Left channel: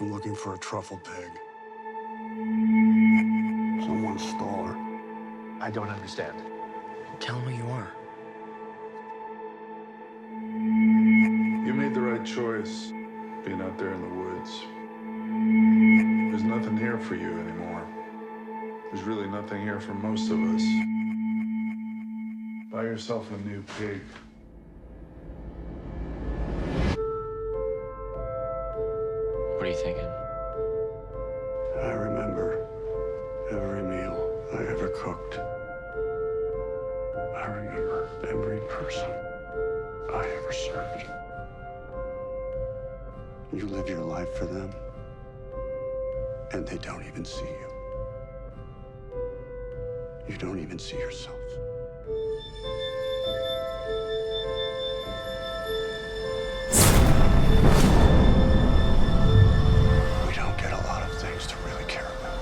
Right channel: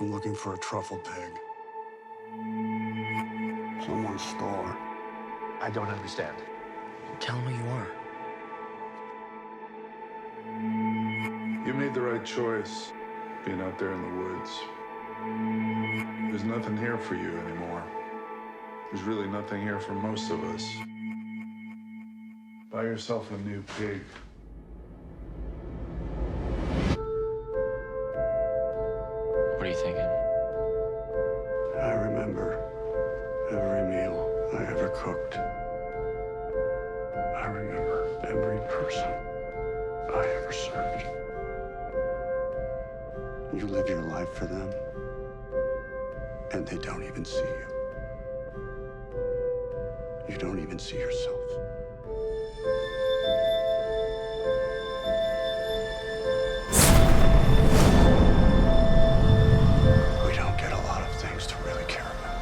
I'm looking for a truffle pig. Someone stole her. I don't understand. Tell him who you are. You made the right choice, being out there in the woods. There's nothing here for you anymore. There's really nothing here for most of us. Buy yourself a new pig. What are you thinking? I remember every meal I ever cooked. I remember every person I ever served. You live your life for them, and they don't even see you. You don't even see yourself. We don't get a lot of things to really care about.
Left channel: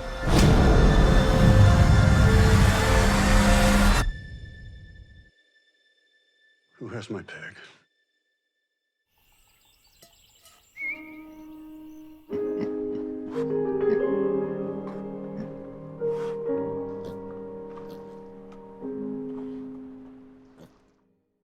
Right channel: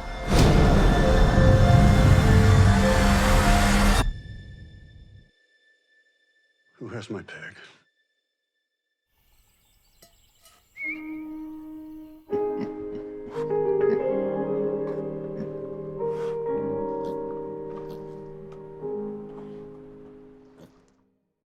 Who has my pig?